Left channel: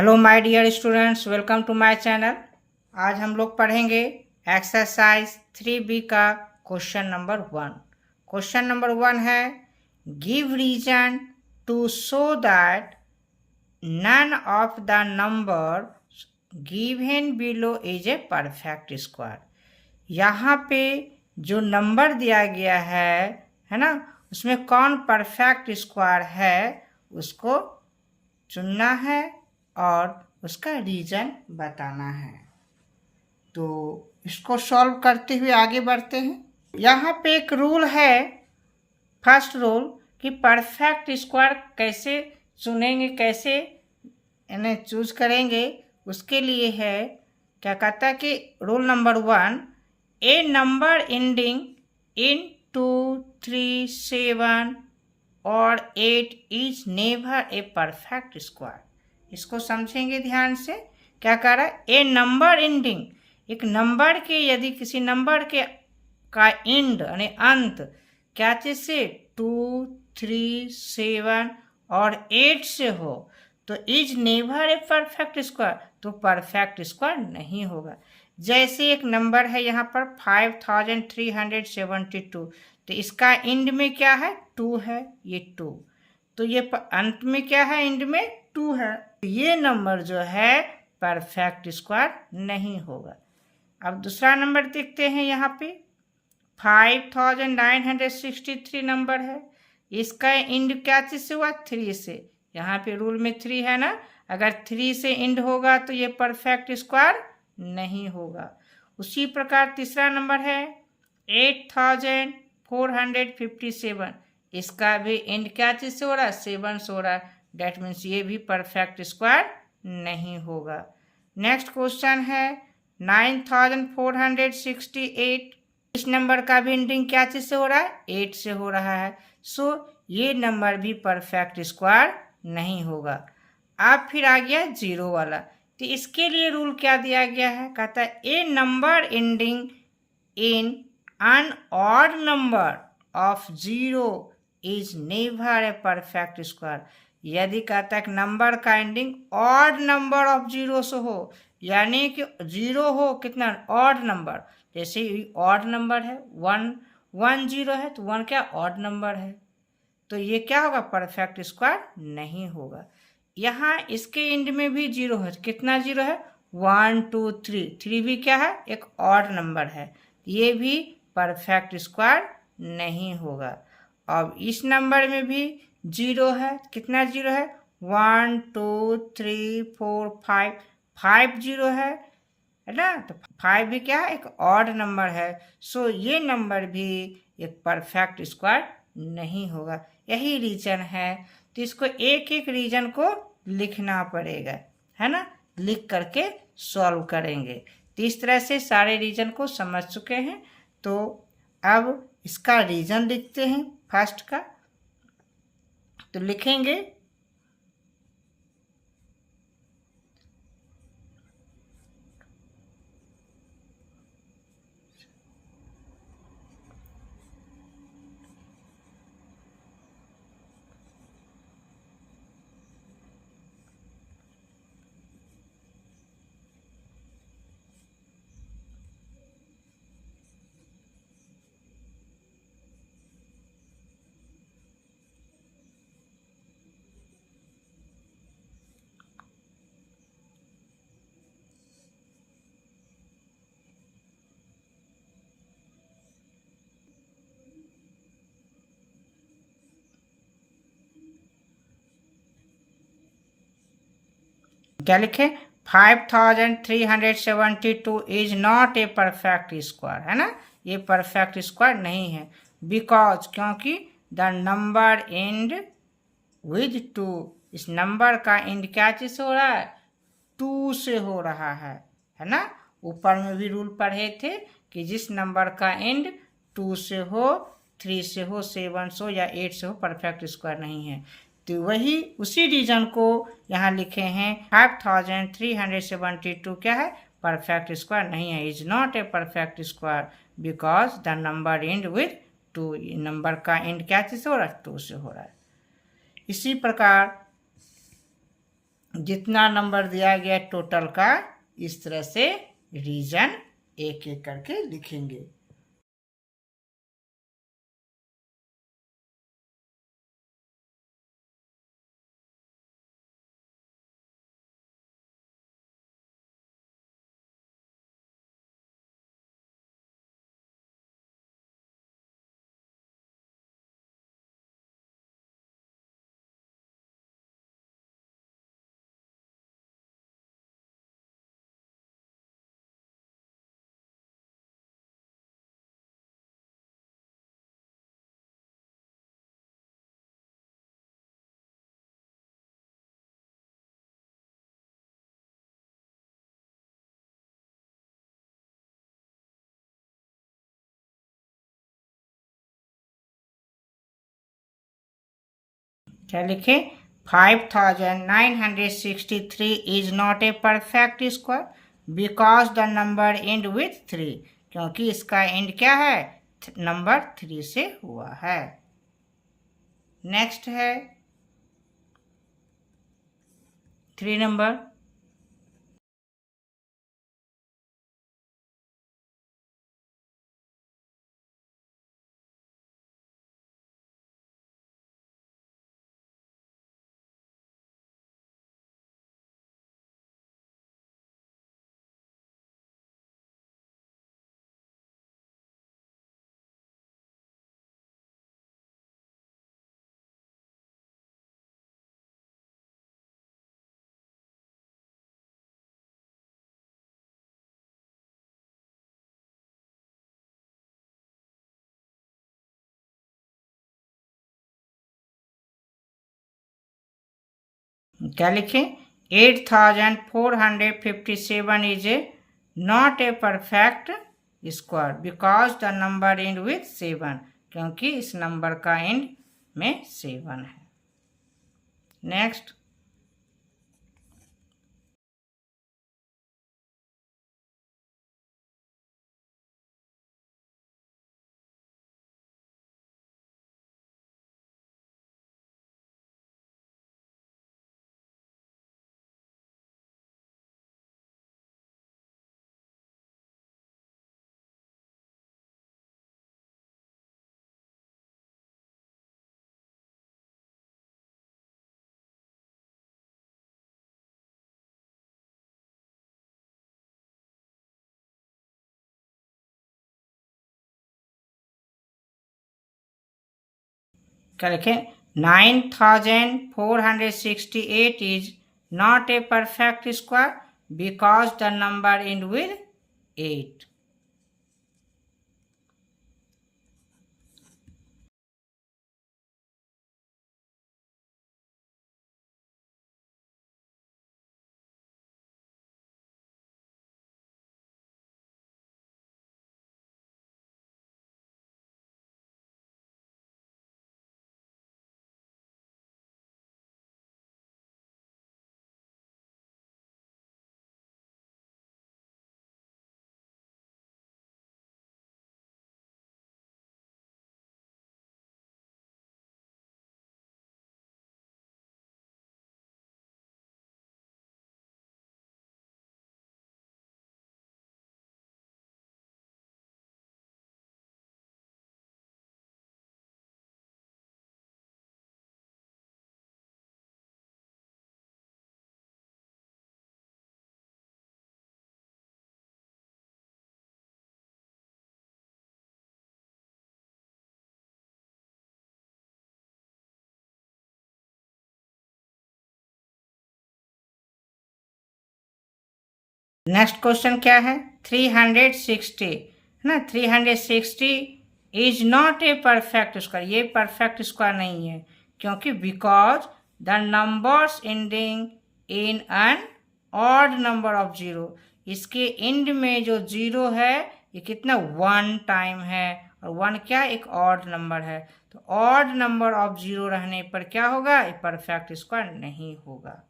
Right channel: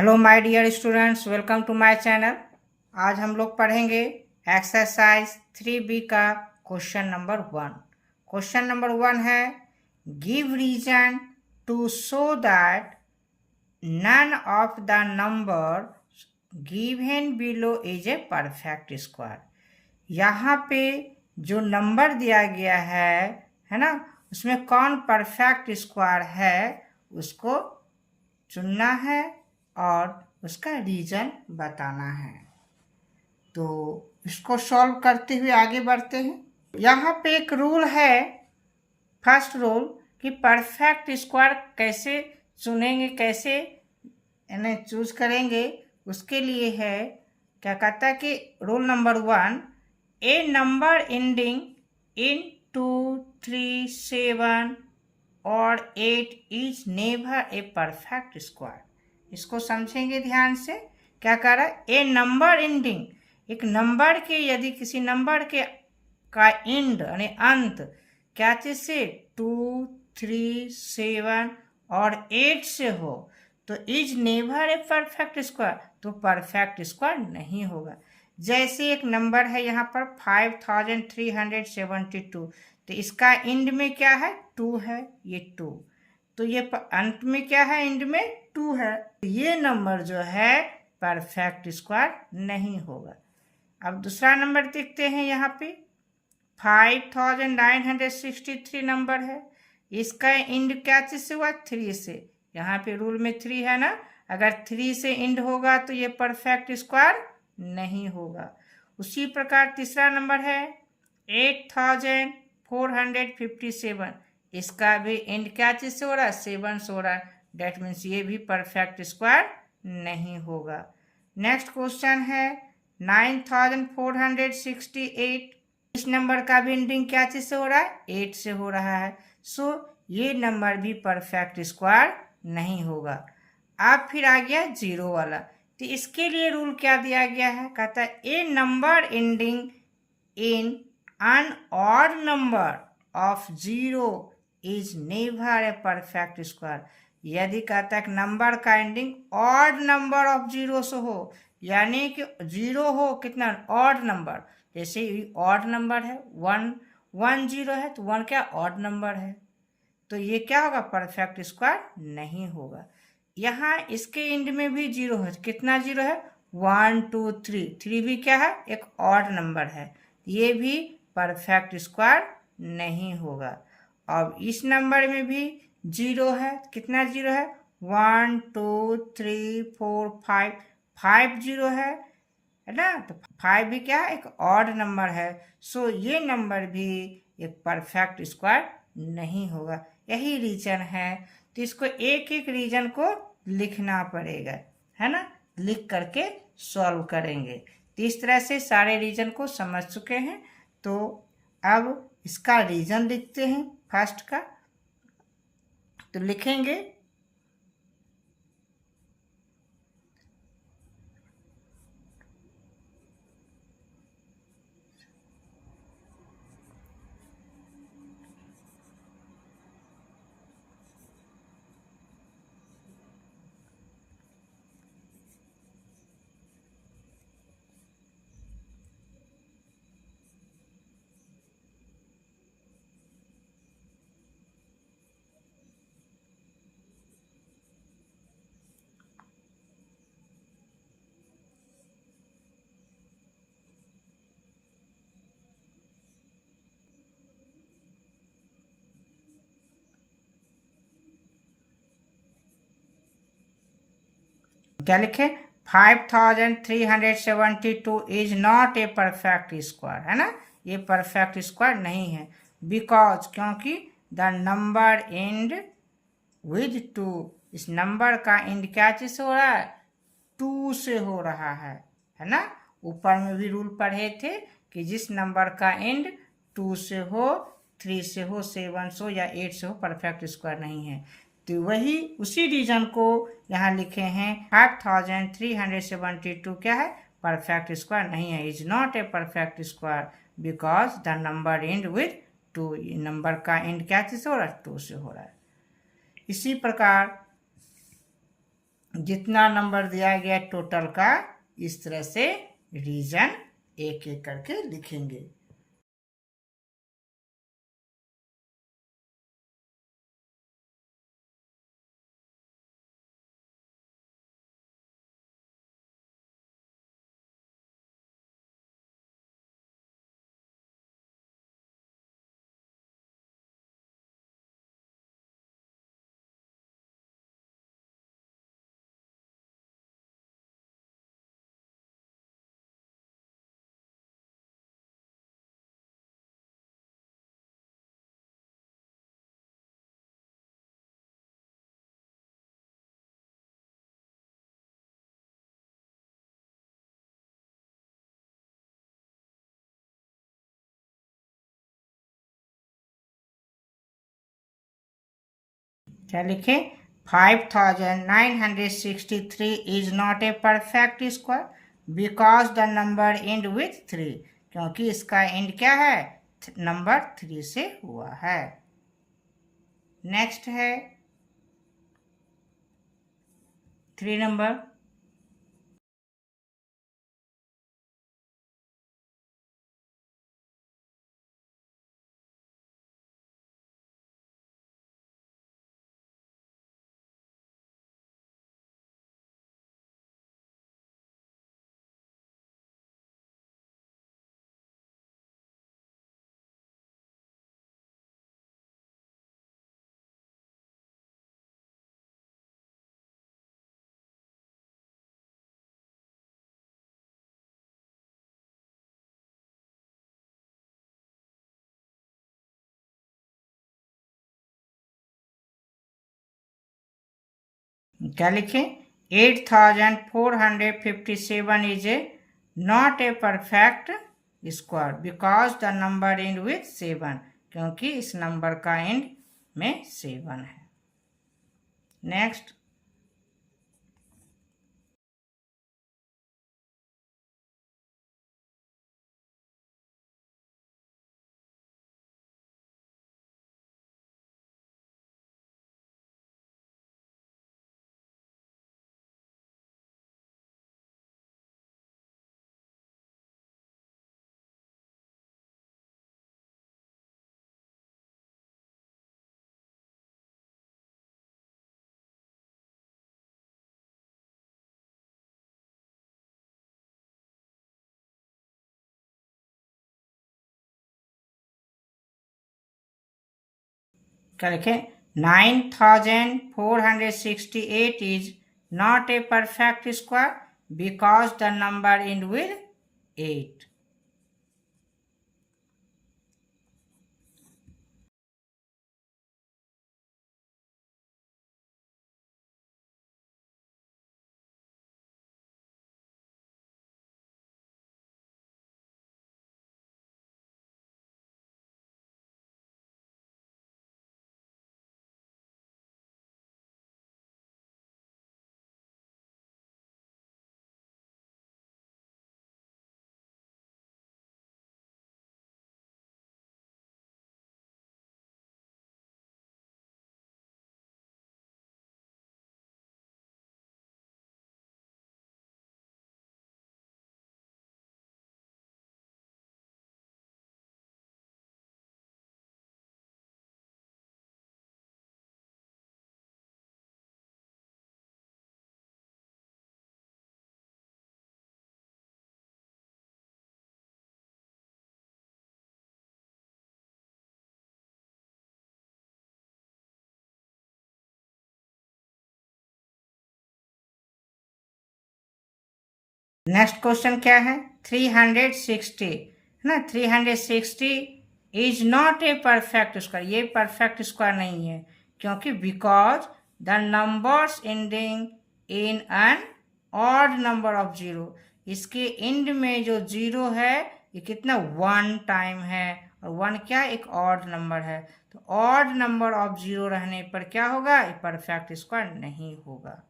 Hello my dear students, welcome to my channel. आज हम लोग पढ़ेंगे एक्सरसाइज 3B का क्वेश्चन नंबर 1। क्वेश्चन नंबर 1 है, give reason to show that none of the number given below is a perfect square. यहाँ पे जो number दिया गया है ना, उसमें कौन परफेक्ट स्क्वायर है उसको चुनना है और उसका रीजन बताना है। तो इसको सॉल्व करते हुए आगे बढ़ते हैं। यहाँ पे एक रूल है, फर्स्ट रूल, कि परफेक्ट स्क्वायर कैसे चुनेंगे, कैसे इन्हें चूज करेंगे। उसके लिए है, क्या कहता है कि रूल नंबर 1, ए नंबर एंडिंग इन 2, 3, 7 और 8 is never a perfect square. इसको समझेंगे ध्यान से। क्या कह रहा है, ए नंबर एंडिंग, एक नंबर के, यदि किसी नंबर के का एंड यानी अंत क्या चीज से 2, 3, 7 और 8 से हो तो is never a perfect square, तो परफेक्ट स्क्वायर नहीं होगा। जैसे एक नंबर है यहाँ पर 5372, तो इसका एंड में क्या है, 2 है, ये 2, तो ये अंत में क्या है, एंड में 2 है, ये नंबर जो है परफेक्ट स्क्वायर नहीं होगा। अब दूसरा नंबर देखते हैं। यहाँ पे 5963 नंबर है, इसका एंड क्या चीज से हुआ, 3 से। यहाँ पे रूल में 3 है ना, अगर 3 से एंड होगा तो ये परफेक्ट स्क्वायर नहीं होगा। उसी प्रकार तीसरा नंबर है 8457, इसका भी एंड क्या चीज से हो रहा है, 7 से हो रहा है, डेट मीन्स ये भी परफेक्ट स्क्वायर नहीं होगा। नेक्स्ट क्वेश्चन है 9468, इस नंबर का भी एंडिंग क्या चीज से हो रहा है, 8 से हो रहा है, सो ये नंबर भी परफेक्ट स्क्वायर नहीं होगा। अब फिर आ गया 0 वाला, तो इसके लिए रूल क्या दिया गया है, कहता है a number ending in an odd number of 0 is never a perfect square। यदि कहता है नंबर का एंडिंग ऑड नंबर ऑफ 0 से हो, यानी कि 0 हो कितना, ऑड नंबर, जैसे ऑड नंबर है 110 है, तो 1 क्या, ऑड नंबर है, तो ये क्या होगा, परफेक्ट स्क्वायर नहीं होगा। यहाँ इसके एंड में भी 0 है, कितना 0 है, 1 2 3, 3 भी क्या है, एक ऑड नंबर है, ये भी परफेक्ट स्क्वायर नहीं होगा। अब इस नंबर में भी 0 है, कितना 0 है, 1 2 3 4 5, 5 0 है ना, तो 5 भी क्या है, एक ऑड नंबर है, सो ये नंबर भी एक परफेक्ट स्क्वायर नहीं होगा। यही रीजन है, तो इसको एक एक रीजन को लिखना पड़ेगा, है ना, लिख करके सॉल्व करेंगे। तो इस तरह से सारे रीजन को समझ चुके हैं, तो अब इसका रीजन लिखते हैं फर्स्ट का। तो लिखेंगे क्या लिखे, 5372 is not a perfect square, है ना, ये परफेक्ट स्क्वायर नहीं है। बिकॉज, क्योंकि द नंबर एंड विद 2, इस नंबर का एंड क्या चीज से हो रहा है, 2 से हो रहा है ना। ऊपर में भी रूल पढ़े थे कि जिस नंबर का एंड 2 से हो, 3 से हो, 7 से हो या 8 से हो, परफेक्ट स्क्वायर नहीं है। तो वही उसी रीजन को यहाँ लिखे हैं, 5372 क्या है, परफेक्ट स्क्वायर नहीं है, is not a perfect square because the number and with 2, number का एंड क्या चीज से हो रहा है, 2 से हो रहा है। इसी प्रकार जितना नंबर दिया गया टोटल का, इस तरह से रीजन एक एक करके लिखेंगे। क्या लिखे? 5963 is not a perfect square because the number and with 3, क्योंकि इसका एंड क्या है? नंबर 3 से हुआ है। नेक्स्ट है 3 नंबर। क्या लिखें? 8457 is a not a perfect square because the number and with 7, क्योंकि इस नंबर का एंड में 7 है। नेक्स्ट क्या लिखें? 9468 is not a perfect square because the number and with 8। Next question क्या है? 360 है ना। 360 is not a perfect square, ये परफेक्ट स्क्वायर नहीं है, क्योंकि because the numbers ending in an odd number of 0, इसके एंड में जो 0 है ये कितना 1 टाइम है, और 1 क्या एक ऑड नंबर है, तो ऑड नंबर ऑफ 0 रहने पर क्या होगा? ये परफेक्ट स्क्वायर नहीं होगा,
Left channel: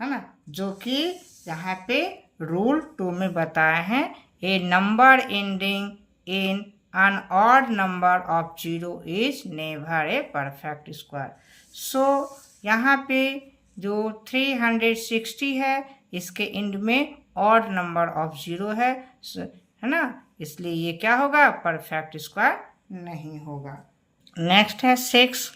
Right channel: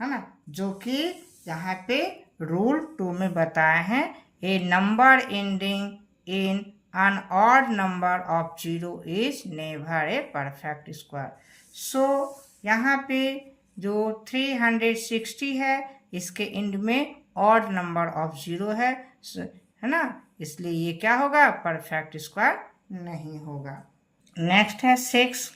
है ना। जो कि यहाँ पे रूल 2 में बताए हैं, a number ending in an odd number of 0 is never a perfect square. So यहाँ पे जो 360 है इसके एंड में ऑड नंबर ऑफ 0 है ना, इसलिए ये क्या होगा, परफेक्ट स्क्वायर नहीं होगा। नेक्स्ट है 6।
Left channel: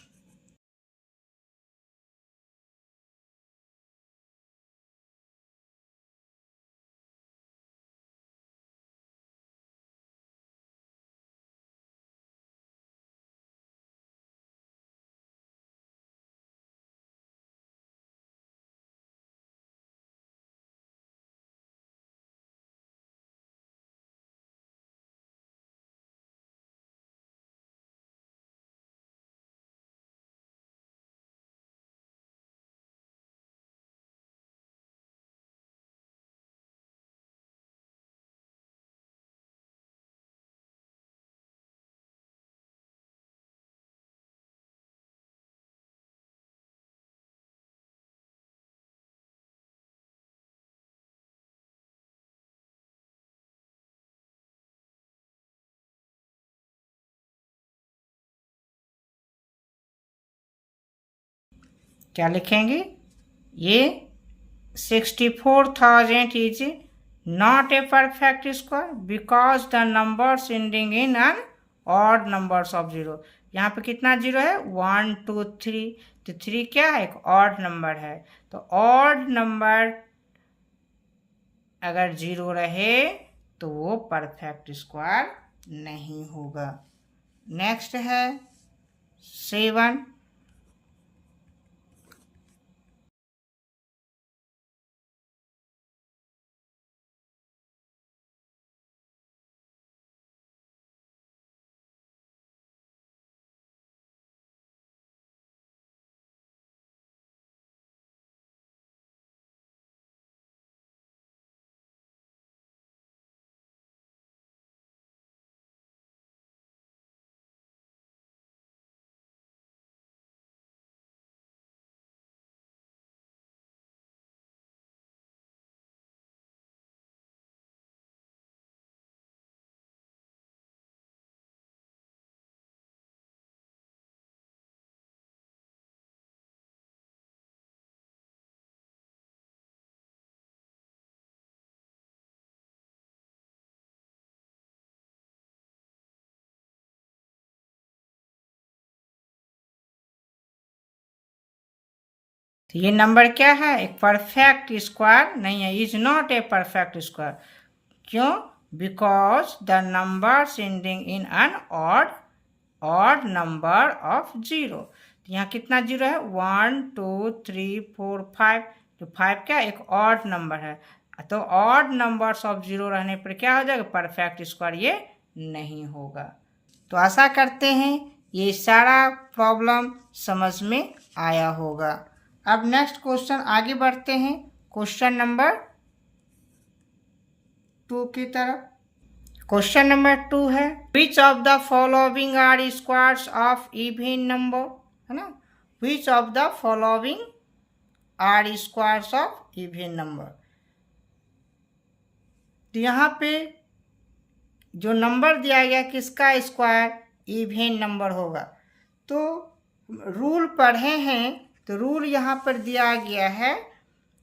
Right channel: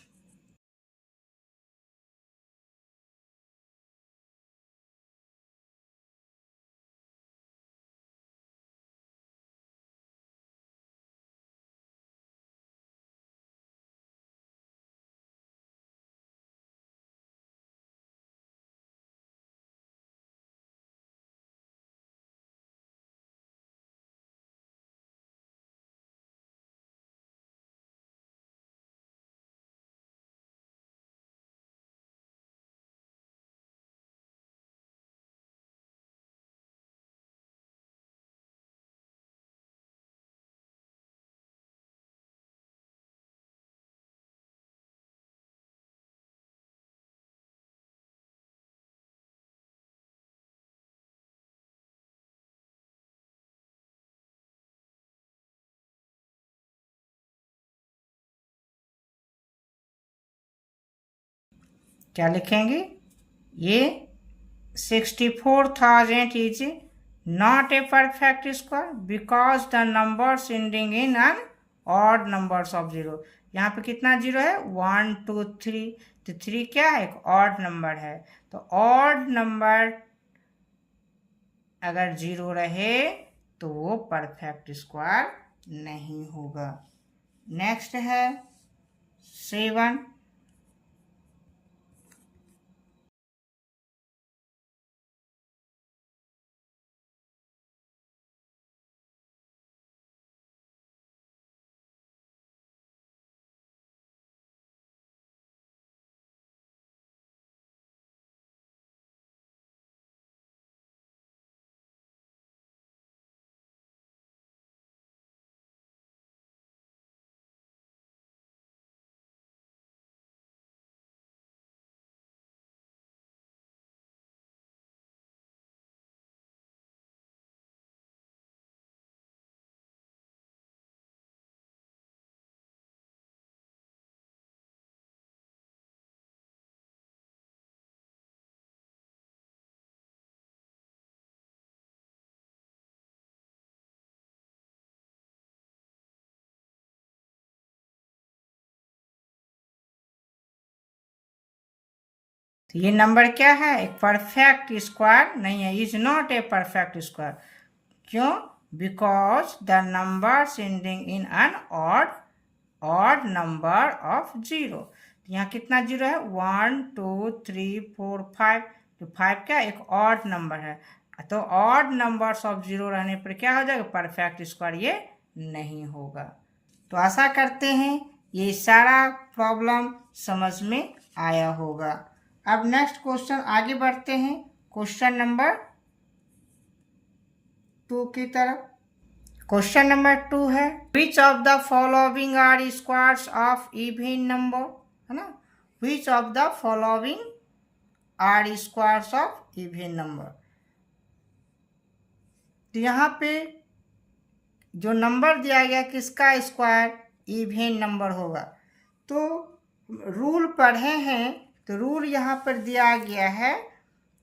क्या लिखेंगे, ये 64,000 is not a perfect square because the numbers ending in an odd numbers of 0। यहाँ पे कितना 0 है, 1 2 3, तो 3 क्या है, एक ऑड नंबर है, तो ऑड नंबर अगर 0 रहे तो वो परफेक्ट स्क्वायर नहीं होगा। नेक्स्ट है 7। तो ये नंबर क्या है, एक परफेक्ट स्क्वायर नहीं है, is not a perfect square. क्यों, because the number ending in an odd number of 0। तो यहाँ कितना 0 है, 1 2 3 4 5, तो 5 क्या, एक ऑड नंबर है, तो ऑड नंबर्स ऑफ 0 रहने पर क्या हो जाएगा, परफेक्ट स्क्वायर ये नहीं होगा। तो आशा करते हैं ये सारा प्रॉब्लम समझ में आया होगा। अब नेक्स्ट क्वेश्चन आगे बढ़ते हैं, क्वेश्चन नंबर 2 की तरफ। क्वेश्चन नंबर 2 है, which of the following are squares of even number, है ना, which of the following are squares of even number. तो यहाँ पे जो नंबर दिया गया किसका स्क्वायर इवन नंबर होगा, तो रूल पढ़े हैं, तो रूल यहाँ पर दिया गया है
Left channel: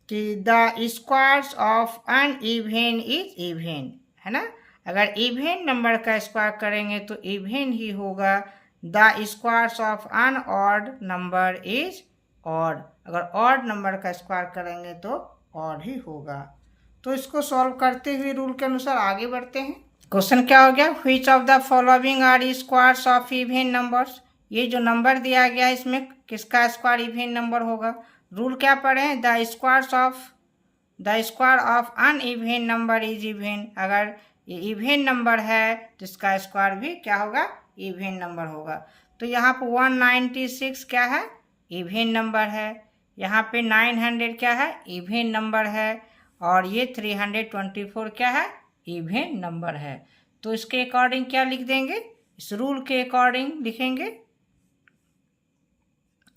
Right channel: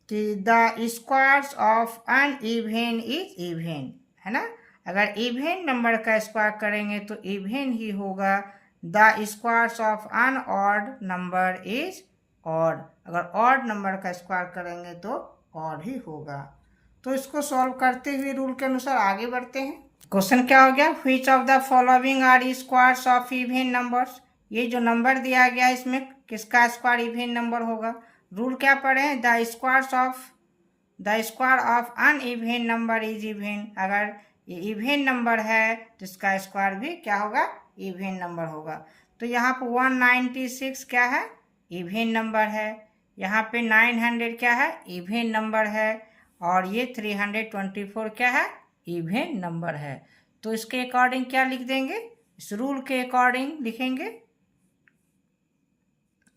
कि the squares of an even is even, है ना, अगर इवन नंबर का स्क्वायर करेंगे तो इवन ही होगा। The squares of an odd number is odd, अगर ऑड नंबर का स्क्वायर करेंगे तो ऑड ही होगा। तो इसको सॉल्व करते हुए रूल के अनुसार आगे बढ़ते हैं। क्वेश्चन क्या हो गया, which of the following are squares of even numbers, ये जो नंबर दिया गया है इसमें किसका स्क्वायर इवन नंबर होगा। रूल क्या पढ़े हैं, the square of an even number is even, अगर ये इवन नंबर है तो इसका स्क्वायर भी क्या होगा, इवन नंबर होगा। तो यहाँ पे 196 क्या है, इवन नंबर है, यहाँ पे 900 क्या है, इवन नंबर है, और ये 324 क्या है, इवन नंबर है। तो इसके अकॉर्डिंग क्या लिख देंगे, इस रूल के अकॉर्डिंग लिखेंगे,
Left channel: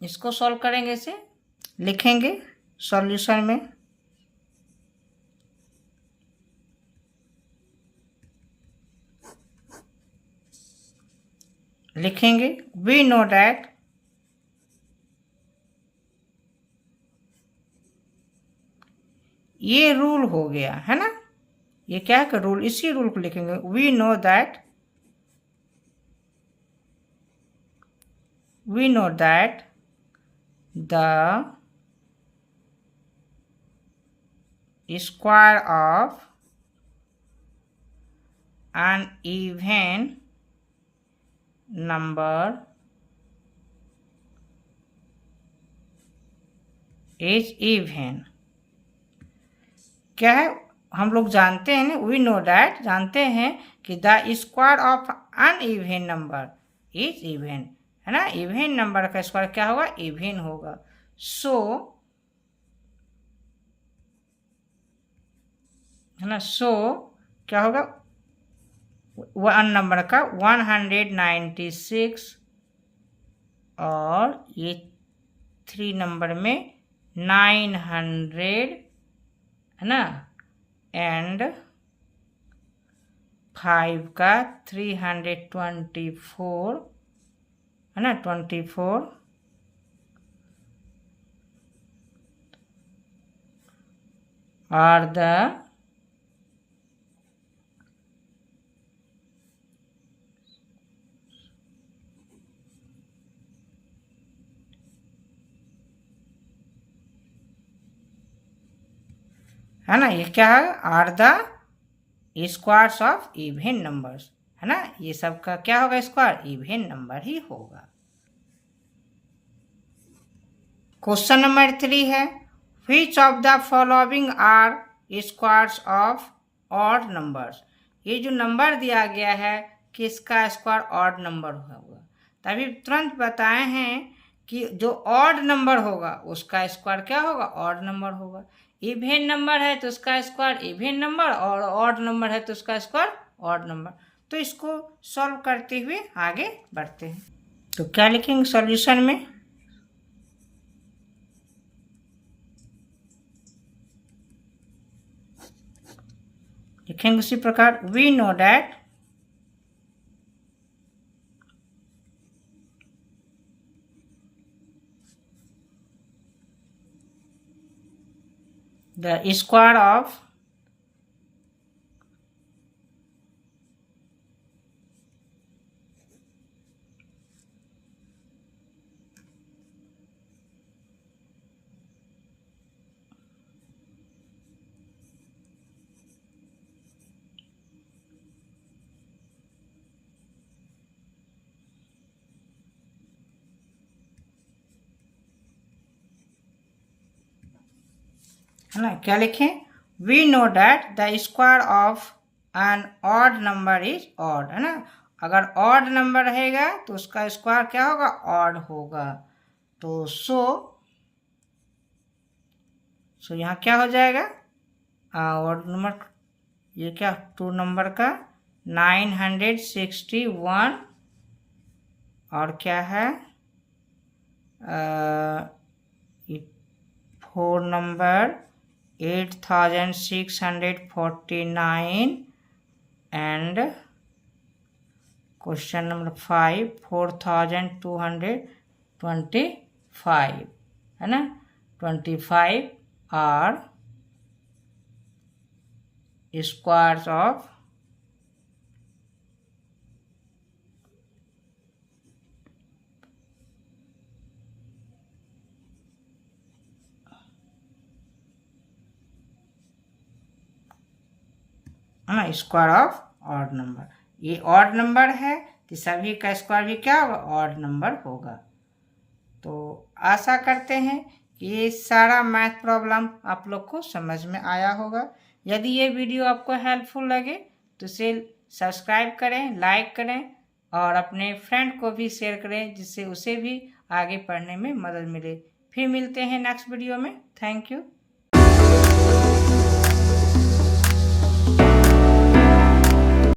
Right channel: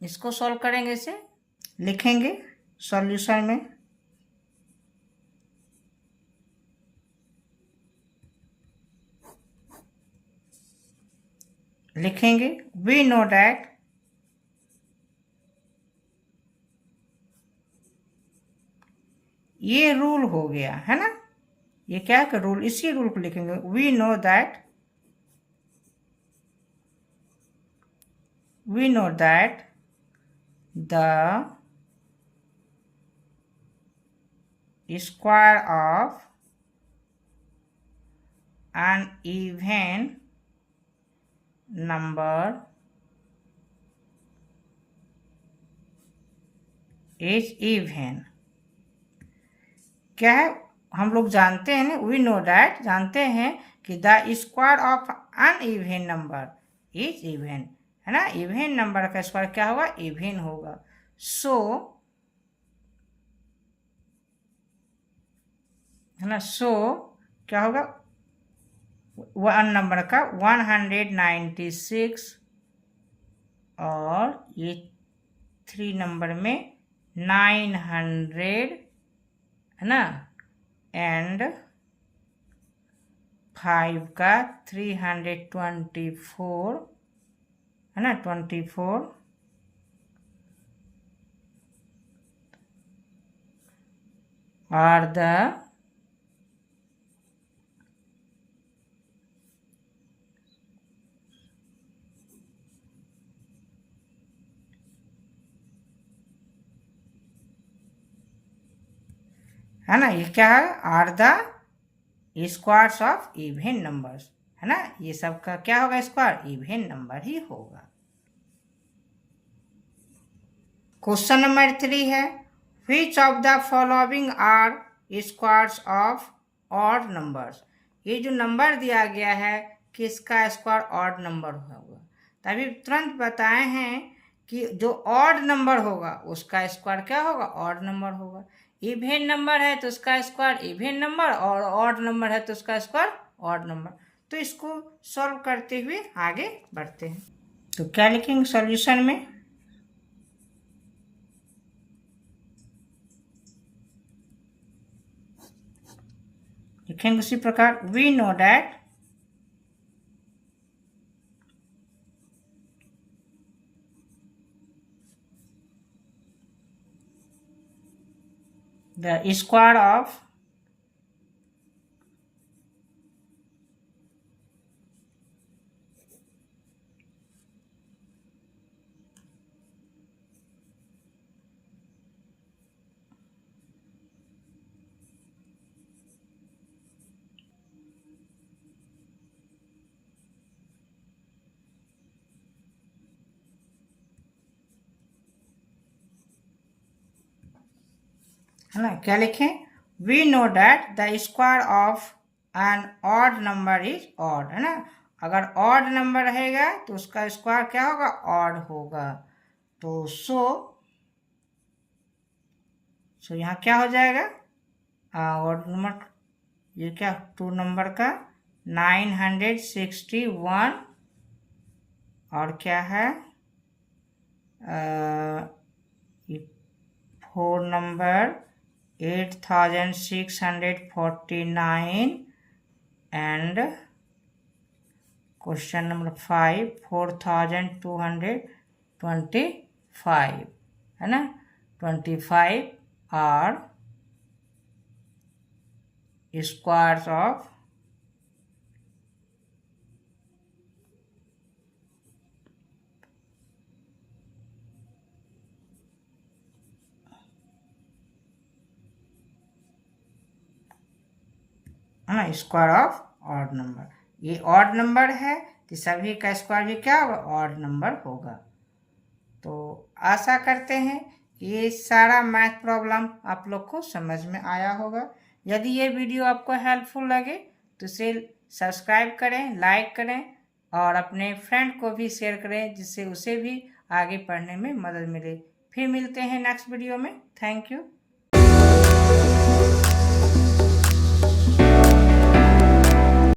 इसको सॉल्व करेंगे, इसे लिखेंगे सॉल्यूशन में, लिखेंगे वी नो दैट ये रूल हो गया है ना, ये क्या है रूल, इसी रूल को लिखेंगे। We know that the square of an even number is even। क्या है, हम लोग जानते हैं ना, वी नो दैट, जानते हैं कि the square of an even number is even, है ना। इवन नंबर का स्क्वायर क्या होगा, इवन होगा। सो है ना, सो क्या होगा, वन नंबर का 196 और ये 3 नंबर में 900 है ना, एंड 5 का 324 है ना, 24 are the है ना, ये क्या है, are the squares of even numbers, है ना। ये सब का क्या होगा, स्क्वायर इवन नंबर ही होगा। क्वेश्चन नंबर 3 है, which of the following are squares of odd numbers. ये जो नंबर दिया गया है किसका स्क्वायर ऑड नंबर होगा। तभी तुरंत बताए हैं कि जो ऑड नंबर होगा उसका स्क्वायर क्या होगा, ऑड नंबर होगा। इवन नंबर है तो उसका स्क्वायर इवन नंबर, और ऑड नंबर है तो उसका स्क्वायर ऑड नंबर। तो इसको सॉल्व करते हुए आगे बढ़ते हैं। तो क्या लिखेंगे सॉल्यूशन में, लिखेंगे उसी प्रकार, we know that the square of है ना, क्या लिखें, we know that the square of an odd number is odd, है ना। अगर ऑड नंबर रहेगा तो उसका स्क्वायर क्या होगा, ऑड होगा। तो सो यहाँ क्या हो जाएगा, ऑड नंबर, ये क्या 2 नंबर का 961 और क्या है 4 नंबर 8649 एंड क्वेश्चन नंबर 5 4225 है ना, 25 आर स्क्वायर्स ऑफ है ना, स्क्वायर ऑफ ऑड नंबर। ये ऑड नंबर है तो सभी का स्क्वायर भी क्या होगा, ऑड नंबर होगा। तो आशा करते हैं कि ये सारा मैथ प्रॉब्लम आप लोग को समझ में आया होगा। यदि ये वीडियो आपको हेल्पफुल लगे तो इसे सब्सक्राइब करें, लाइक करें और अपने फ्रेंड को भी शेयर करें, जिससे उसे भी आगे पढ़ने में मदद मिले। फिर मिलते हैं नेक्स्ट वीडियो में। Thank you.